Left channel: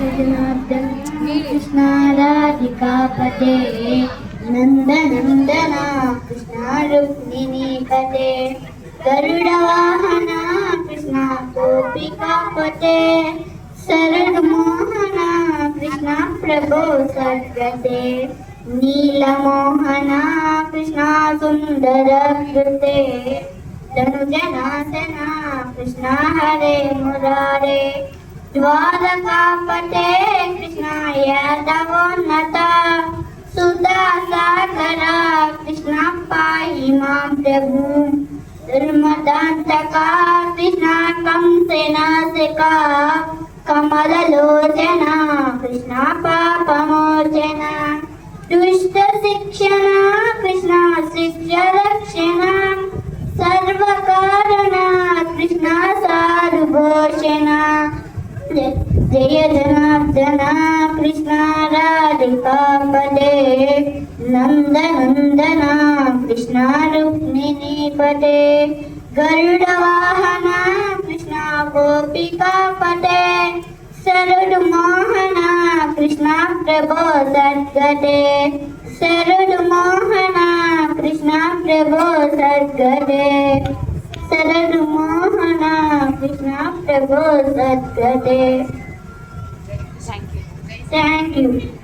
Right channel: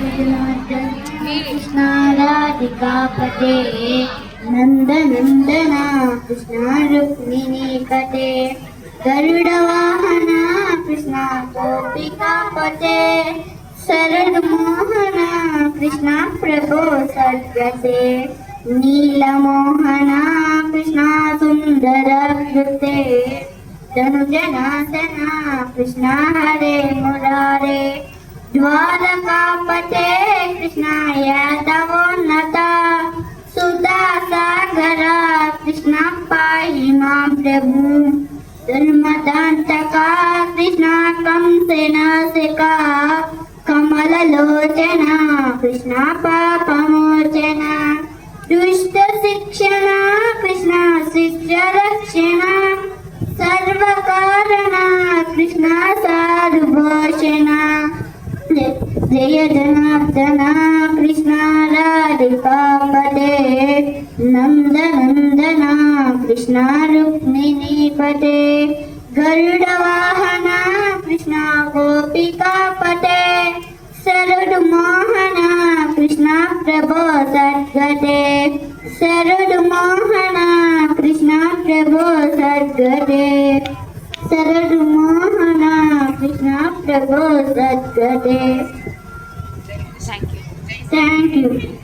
कृष्ण राधिकापते नन्दनन्दना कृष्ण रुक्मिणीपते गरुडवाहना कृष्ण गोपिकापते शरणमोहना कृष्ण प्रभो सद्गते नीलमोहना कृष्ण सुन्दरकृते धनुजनासना कृष्ण हरे मुरारे द्वारकापते कृष्ण यादवोन्नता सुधा सागरा कृष्ण पाहि मां प्रभु धर्मदान्तका कृष्ण कंसनासिका कमललोचना कृष्ण पापमोचना दुष्टशिक्षणा कृष्ण शिष्यरक्षणा सर्वकारणा कृष्ण साधुभूषणा जय जनार्दना कृष्ण राधिकापते नन्दनन्दना कृष्ण रुक्मिणीपते गरुडवाहना कृष्ण गोपिकापते शरणमोहना कृष्ण प्रभो सद्गते शरणमोहना कृष्ण प्रभो सद्गते शरणमोहना कृष्ण प्रभो सद्गते. Thank you. Thank you.